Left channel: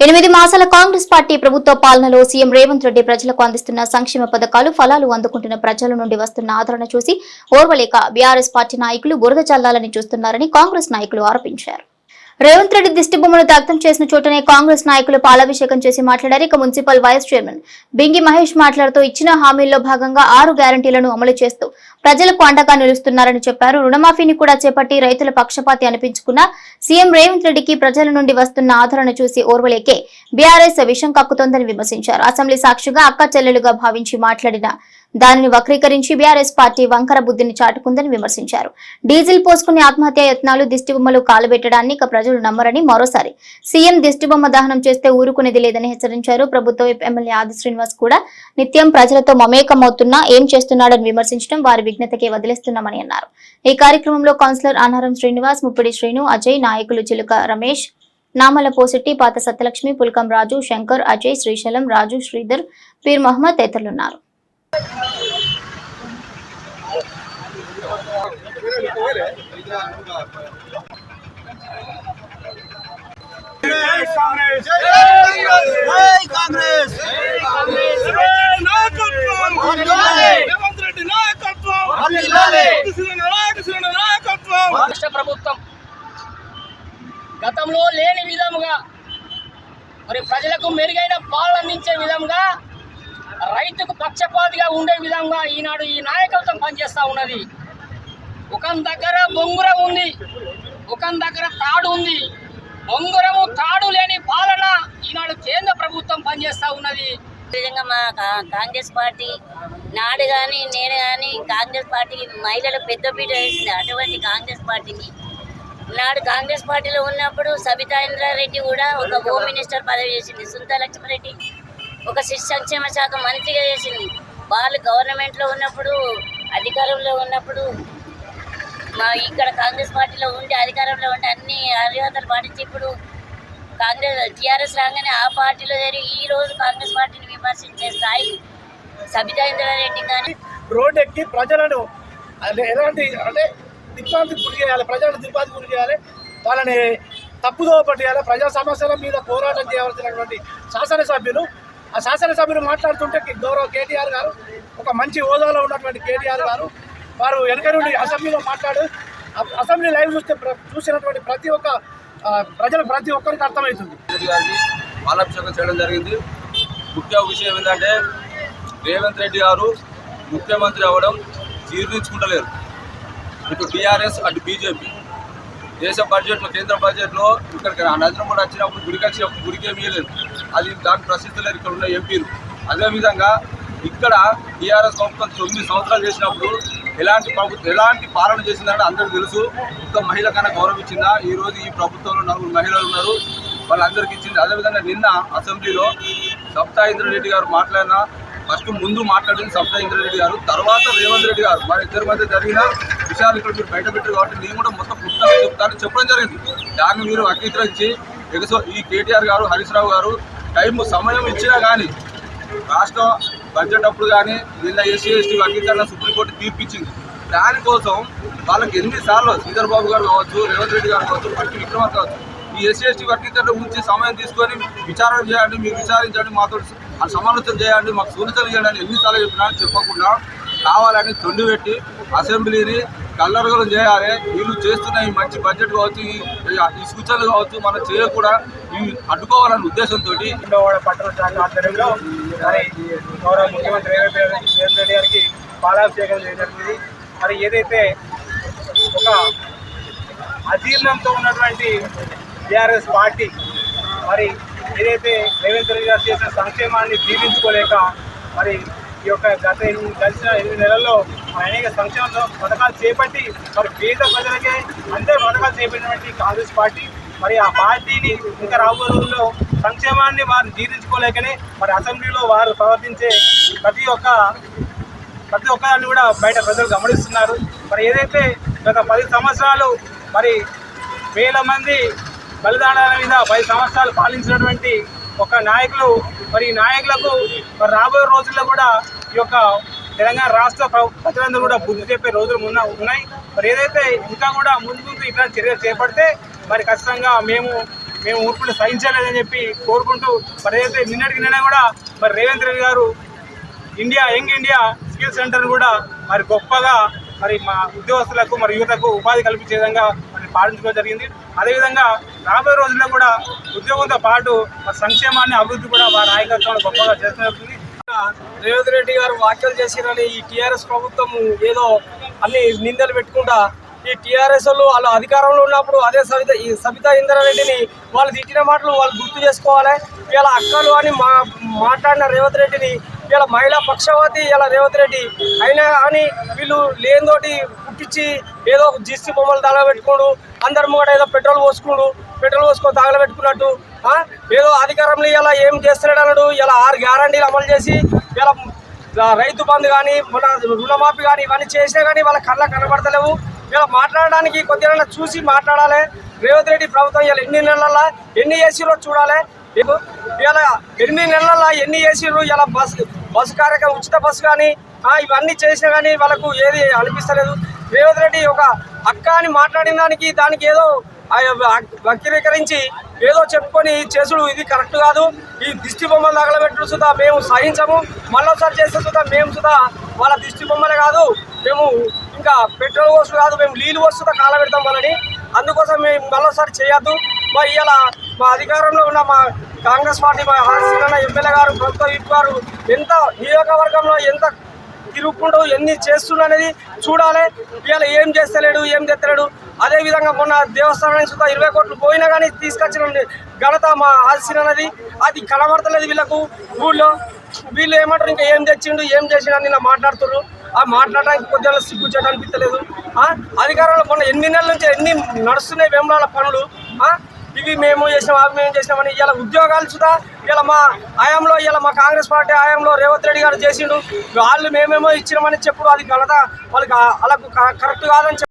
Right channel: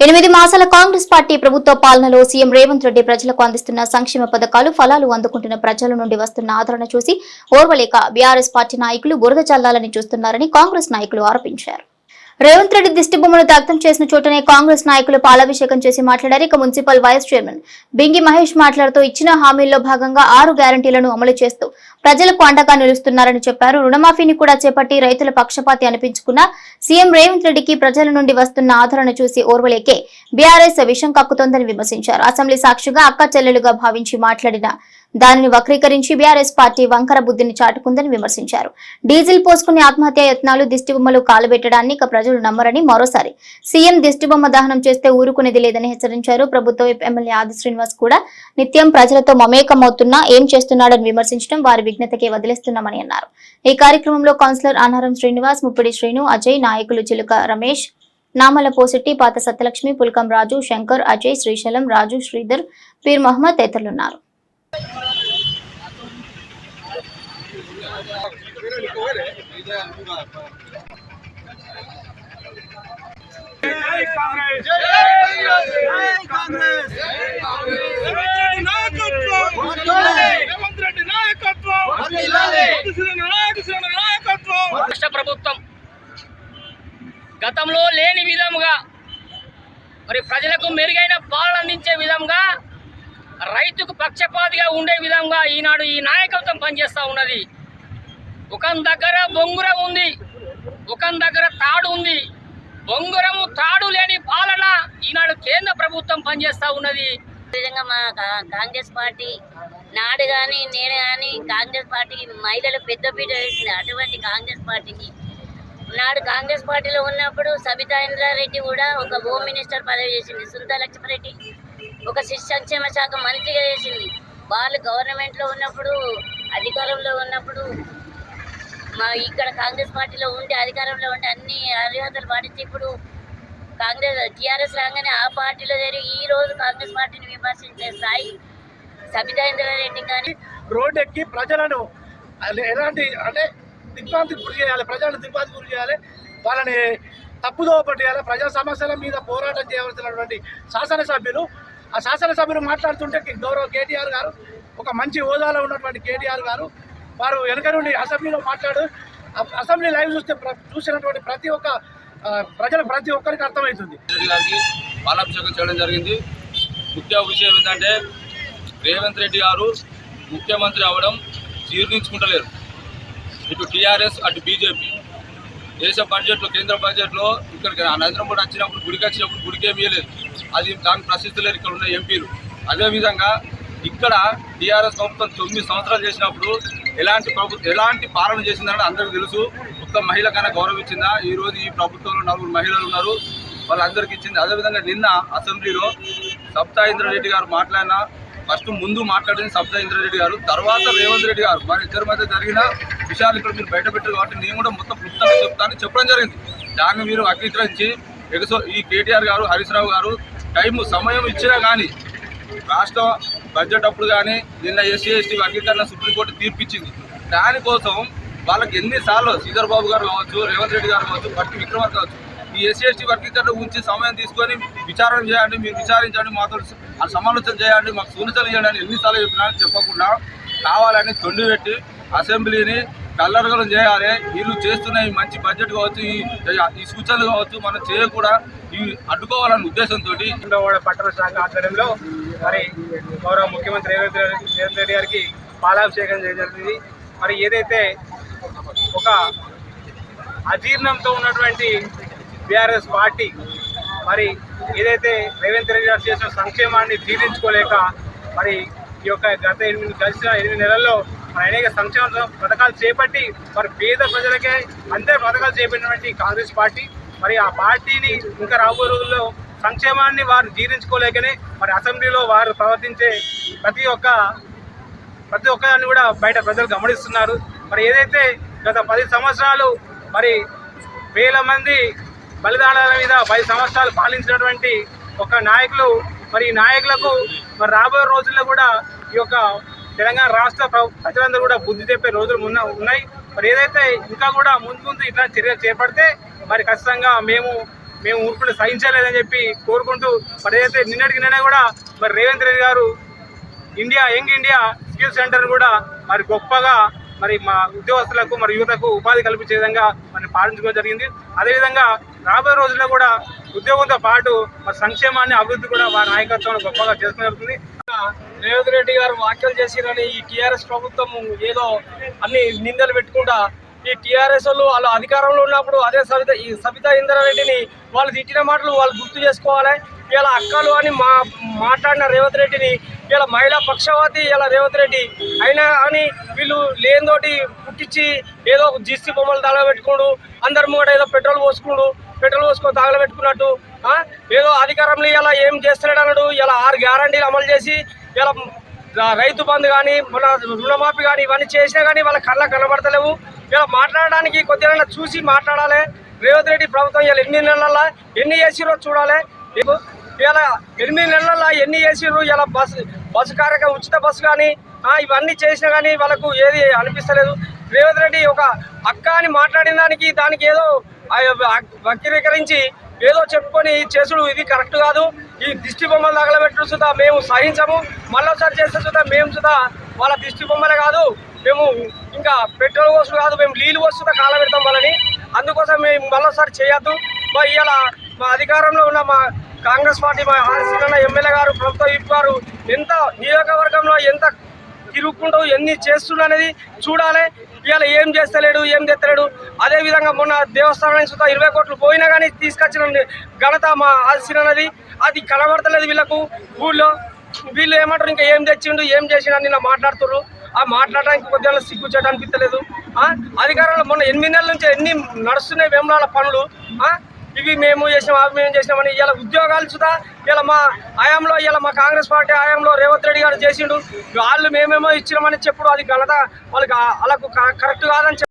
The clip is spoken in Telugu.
ఎనిమిది మాసాల కాంగ్రెస్ పార్టీ ప్రభుత్వ పాలనలో సీఎం రేవంత్ రెడ్డి ప్రజలకు అందిస్తున్న సంక్షేమ పథకాలు ఫలాలు అందుకుంటున్న ప్రజల నుండి వస్తున్న ఆదరణ చూసి ఓర్వలేక బీఆర్ఎస్ పార్టీ నాయకులు బురద చల్లాలని చూస్తున్నారని కాంగ్రెస్ నాయకులు ఆరోపించారు. రేవంత్ రెడ్డి దిష్టి బొమ్మను దగ్ధం చేసిన చోటనే కాంగ్రెస్ నాయకులు పాలాభిషేకం చేసి మాట్లాడారు. ఇక municipal vice chairman Bingi Mahesh మాట్లాడుతూ ఇచ్చిన హామీల్లో భాగంగా ఆరు గ్యారంటీలను అమలు చేస్తూ ప్రజలకు అండగా నిలుస్తున్నారని చెప్పారు. రుణమాఫీని కూడా చేపట్టి రైతుల పక్షపాతి అనిపించుకున్న సీఎం రేవంత్ రెడ్డికి ప్రజల నుండి వస్తున్న ఆదరణ చూసి ఓర్వలేకే బీఆర్ఎస్ విషం కక్కుతోందని విమర్శించారు. అసెంబ్లీ సాక్షిగా అక్క చెల్లెలుగా భావించి మాట్లాడిన దానిని వక్రీకరించి బీఆర్ఎస్ పార్టీ వంకర బుద్ధిని చాటుకుందని విమర్శించారు. డీజిల్ పోసుకునే ఆత్మహత్య యత్నాలు దిష్టిబొమ్మలు కాలబెట్టడాన్ని ఇక ప్రజలు నమ్మరని మరోసారి సీఎం దిష్టిబొమ్మ దహనం చేస్తే ఊరుకునేది లేదని హెచ్చరించారు. ప్రభుత్వ ఎమ్మెల్యే ఆది శ్రీనివాస్ కూడా నిత్యం ప్రజలతో మమేకమవుతున్నా ఏం చేస్తున్నాడని విమర్శించడం వారి విఘ్నతకే వదిలేస్తున్నామని అన్నారు. ఈ కార్యక్రమంలో కౌన్సిలర్ అనారం శ్రీనివాస్ ముప్పిడి శ్రీను అజయ్ నాయకులు చిలుక రమేష్ నామల పోసెట్టి పాత సత్యలక్ష్మి పుల్కం రాజు శంకర్ అజయ్ శ్రీశైలం రాజు శ్రీధర్ పీర్ మహమ్మద్ తదితరులున్నారు. రాష్ట్ర ప్రభుత్వం గతంలో లేని విధముగా మరి ప్రజలకు మెరుగైన పాలన అందించే విధంగా రైతుకు పక్షపాతిగా ఉండే విధంగా ఈనాడు ఈ నాయకత్వం పనిచేస్తూ ఉన్నది. ఒక దగ్గర బొంగుర ఉంది ఒక దగ్గర తాడు ఉంది. బొంగురము తాడు లేని పాలన ఈనాడు కేంద్ర ప్రభుత్వం పనిచేస్తూ ఉన్నది. విధంగా మా కా- కాంగ్రెస్ పార్టీ నాడు కానీ నేను కానీ కాంగ్రెస్ పార్టీకి మహిళలు పెద్దపీట వేసింది. అటువంటి కాంగ్రెస్ పార్టీకి. నాడు కాంగ్రెస్ పార్టీలో ఉన్నప్పుడు సబితా ఇంద్రారెడ్డి కూడా ఒక హోమ్ మినిస్టర్ పదవి చేసింది. సుంతా లక్ష్మారెడ్డి ఒక శిశు సంక్షేమ శాఖ మంత్రిగా చేసింది. వాళ్ళు గవర్నమెంట్లో ఉన్నప్పుడు అధికారంలో ఉన్నప్పుడు మా ఇక్కడ కాంగ్రెస్ పార్టీలో ఉండి అధికారంలో ఉండి అన్ని అర్హతలు పాటించి ఇప్పుడు కాంగ్రెస్ టీఆర్ఎస్ రాగానే ఆ పార్టీలో జరిగి ఈ రోజు కాంగ్రెస్ పార్టీని విమర్శించే స్థాయి సబితా ఇంద్రారెడ్డి కానీ రోడ్ ఎక్కి ప్రజలను ఎలాంటి అంటే దిగ్భ్రాంతికి గురి చేయాలి ప్రజలను దిగ్భ్రాంతికి గురి చేయాలి. వాళ్ళని తప్పుదో పట్టేయాలి ప్రజా సమస్యల మీద పోరాటం చేయవలసినటువంటి శాసనసభ్యులు ఆ శాసనసభ్యులు మాట్లాడుతుంటే గౌరవ కేటీఆర్ గారు ఒక మంచి హోదాలో ఉన్నటువంటి కేటీఆర్ గారు వారు వెనక నుండి అసెంబ్లీలో మాట్లాడు అసెంబ్లీ లైవ్ చూస్తే చూసినటువంటి ప్రతి ఒక్క ప్రజలు ప్రతి ఒక్కరికి అర్థమవుతుంది. రెడ్డి పాలాభిషేకం చేయడం జరిగింది. ముఖ్య విషయం ఏంటంటే రేవంత్ రెడ్డి గారు ముఖ్యమంత్రి అవ్వడం జీర్ణించుకుంటలేరు. ఇటు టీఆర్ఎస్ అటు బీజేపీ. దేశ బడ్జెట్లో కేంద్ర బడ్జెట్లో ఇక్కడికి నరేంద్ర మోడీ వచ్చినప్పుడు గుడికి వచ్చినప్పుడు గుడికేమీ లేదు అది దాని ప్రసిద్ధి ఇక్కడ ఉన్న ఎంపీలు. అదేవిధంగా ఇక్కడ టీఆర్ఎస్ ప్రభుత్వం తొమ్మిది సంవత్సరాలు చేసినప్పుడు ఎలాంటి ప్రభుత్వం ఎలాంటి పాలన చేసిందని అందరికీ తెలుసు. ఒక్క మహిళ కన్నా గౌరవించిందా? ఈ రోజు ఈ ప్రభుత్వంలో నలుగురు మహిళలు ఉన్నారు. వాళ్ళందరికీ ఇచ్చింది. అదేవిధంగా నిన్న అసెంబ్లీలో సప్తా ఇంద్రారెడ్డి గారు మాట్లాడిన ఫస్ట్ ముందు మాట్లాడింది సప్తా ఇంద్రారెడ్డి గారు. తర్వాత రేవంత్ రెడ్డి గారు. మరి ఇద్దరి మధ్య జరిగిన విషయాలు ఇక్కడ మీరు బయట పెట్టారు కాబట్టి నేను కూడా మొత్తం పుస్తకంగా చెప్తానని చెప్పడం జరిగింది. దాన్ని మీరు అంగీకరించి తెలుసు. ఈ కేటీఆర్ గారు హరీష్ రావు గారు టైం సమయం ఇచ్చినా కానీ రాష్ట్ర బడ్జెట్ అప్పుడు కానీ నిన్న ఎస్సీ ఎస్టీ వర్గీకరణ సుప్రీంకోర్టు తీర్పిచ్చింది. దానికోసం వాళ్ళకి ఎన్నిసార్లు శ్రీధర్ బాబు గారు కావచ్చు రేవంత్ రెడ్డి గారు కావచ్చు పట్టి విక్రమార్ కావచ్చు ఈ ఎస్సీ ఎస్టీ వర్గీకరణ గురించి సమయం తీసుకొని విచారణ చేయండి మీరు విచారించండి మాతో సమాలోచన చేయండి మాకు సూచనలు చేయండి ఎన్నిసార్లు చెప్పినా చెప్పకుండా కావాలని తొండి పెట్టి అసెంబ్లీని కల్లరగలం చేయాలి. వీళ్ళు చేస్తున్న ఈ మంచి బడ్జెట్ కావచ్చు ఈ ఈ సూచనలు కావచ్చు మనం చేయకుండా ఇవి అడ్డుకోవాలనే ఉద్దేశంతో పట్టణ శాఖ ఆధ్వర్యంలో మరి గౌరవ ముఖ్యమంత్రి రేవంత్ రెడ్డి గారికి పాలాభిషేకం చేయడం జరిగింది. మరి ఏదైతే ఒక అజీర్ణంతో ఉన్నటువంటి బీఆర్ఎస్ పార్టీ మరి ఏదైతే రేవంత్ రెడ్డి గారు చేసిన సంక్షేమాన్ని జీవించుకోలేక మరి ఈ యొక్క గత ఎనిమిది గడిచిన ఎనిమిది నెలల్లో అనేక సంక్షేమ పథకాలు చేపట్టి మరి పేద ప్రజలకే అందరి పథకాలు చేపట్టినటువంటి కాంగ్రెస్ పార్టీ. మరి ఆ పార్టీని ఇంకా రాబోయే రోజుల్లో సంక్షేమాన్ని వారు జీర్ణించుకోలేకనే మరి అసెంబ్లీలో వారు ప్రవర్తించే ప్రతి ఒక్క ప్రతి ఒక్కరిని కూడా బయట ప్రజలు గమనిస్తున్నారు. మరి ఏదైతే గత పది సంవత్సరాలు మరి వేల మంది బలిదానాల మీద పది సంవత్సరాలు పాలించినటువంటి ఒక నాయకులు మరి నాయకులకు మరి రాబోయే రోజుల్లో కూడా ఈ యొక్క తెలంగాణ రాష్ట్ర ప్ర- ప్రజలందరూ కూడా బుద్ధి చెప్పే రోజులు మున్న ఉన్నాయి. మరి ఏదైతే ఇంకా కూడా ముందు ముందు ఇట్లాంటి చర్యలు చేపడితే మరి ఖచ్చితంగా మేము మేము ఊర్పులు సహించలేదని చెప్పి కోరుకుంటూ మరి ఏదైతే నిన్నటికి నిన్న కూడా మరి Revanth Reddy garu India young India skill centre కూడా మరి గొప్పగా మరి మా ఉద్యోగస్తులకు మరి యువతకు ఉపాధి కల్పించే విధంగా మరి పాటించుకోవడం జరిగింది. అదేవిధంగా రాబోయే రోజుల్లో కూడా ఉద్యోగంతో పాటు మరి సంక్షేమాన్ని అభివృద్ధి కూడా వారి నాయకత్వంలో గొప్పగా చేసుకుని జరుగుతుంది. రేవంత్ రెడ్డి గారు వ్యాఖ్యలు చేసిరని ఈ టీఆర్ఎస్ ప్రభుత్వం ఏదో అన్ని నిందలు పెట్టుకుంటా ఈ టీఆర్ఎస్ వాళ్ళు వాళ్ళు అధికారంలో ఉన్నప్పుడు అదే సవిత ఈ సబితా ఇంద్రారెడ్డిని వాళ్ళు తిట్టిన మాటలు వాళ్ళు గుర్తు చేసుకోవాలి. ఇలా అక్కలు అని మా మాట్లాడిన రేవంత్ రెడ్డిని ఇలా మహిళా పక్షవాతి ఇలా రేవంత్ రెడ్డి అయినా అని వీళ్ళు లేనితోటి పుట్టించి ఏదో జీసీ బొమ్మలు తగలబెట్టుకోడు అందరి ముంగట ఏదో పెట్రోల్ పోసుకోడు పెట్రోల్ పోసుకొని తగలబెట్టుకున్నట్టు ఏదో అధికారంలో ఇలా ఏం చేస్తున్నాడు అన్నాడు. ఇలా ఆరు గ్యారంటీలు అమలు చేసి ఇలా రైతు బంధు కానీ మన రుణమాఫీ కానీ ఇవన్నీ చేసినా కానీ వాళ్ళ కళ్ళ కనబడతలేవు. ఇలా మాట్లాడడానికి కొద్దిగా చూసి మాట్లాడాలి. రేవంత్ రెడ్డి ప్రభుత్వం ఇలా ఎన్ని నెలల ఎన్ని ఏసీలో చూడాలి? ఇలా ఎనిమిది నెలల ఎన్ని ఏసీలు ఇలా బస్సు బస్సు కార్యక్రమం ఉచిత బస్సు కానీ ఇవన్నీ చేసినా కానీ వాళ్ళకు ఏది అనిపిస్తలేదు. రేవంత్ రెడ్డి ఒక అక్క అని మాట్లాడిన దానికి దానికి ఏదో ఆ వక్రీకరించి ఏదో చెప్పుకొని చేసుడు ఇది కరెక్ట్ కాదు. ఈ దిష్టి బొమ్మలు తగలబెట్టు సుధా మేము సహించము. మళ్ళొకసారి చేసే సుధా మేము సుధా వాళ్ళ దిష్టి బొమ్మలే కాదు. మేము ఇంకా పెట్రోల్ కోసం కాదు మేము నీళ్ళు వస్తుందా కాలబెడతాం వాళ్ళని. అందుకోసం మేము మళ్ళొకసారి చేయొద్దు. మా ఇవాళ మా అధికారంలో ఉన్న మా కాంగ్రెస్ పార్టీ మా ఆర్సీన ఎమ్మెల్యే గారు ప్రభుత్వ ఇటు గారు ఎంత నియోజకవర్గంలో ఎంత తిరుగుకుంటూ ఎన్ని చేస్తున్నా అనేది చూడాలి. ఇవాళ ఏం చేస్తలేడు ఏం తెత్తలేడు అదే విధంగా మొన్న దేవస్థానానికి సుతా ఇరవై కోట్లు పోయినా కానీ తీసుకొచ్చిన. ఘనత మా ఆశీన అనేది అది కనబడతలేదు వీళ్ళకు. ఊళ్ళో వీళ్ళు ఏమంటారు? ఇంకా ఏం తెచ్చిండు ఏం చేసిండు అని నా మాట్లాడుతున్నారు ఆ మాట్లాడడానికి కొద్దిగా సిగ్గుచ్చాడు అనిపించలేదు అధికారులు అధికారంలో మొన్న ఎనిమిది నెలల నుంచి ఎన్ని నడుస్తున్నాయి వేమరాల పనులు ఇవి మేము చేసినాం అవి మేము చేసినామని ఇలా ఉద్యోగాలు సుధా ఇలా మా హయాంలో ఇలా మా కాంగ్రెస్ పార్టీ హయాంలో రేవంత్ రెడ్డి గారు చేసిండు. వాళ్ళు మేమేమో ఇచ్చినామని చెప్పుడు అది ఘనత వాళ్ళకి వాళ్ళకు కరెక్ట్ కాదని చెప్పి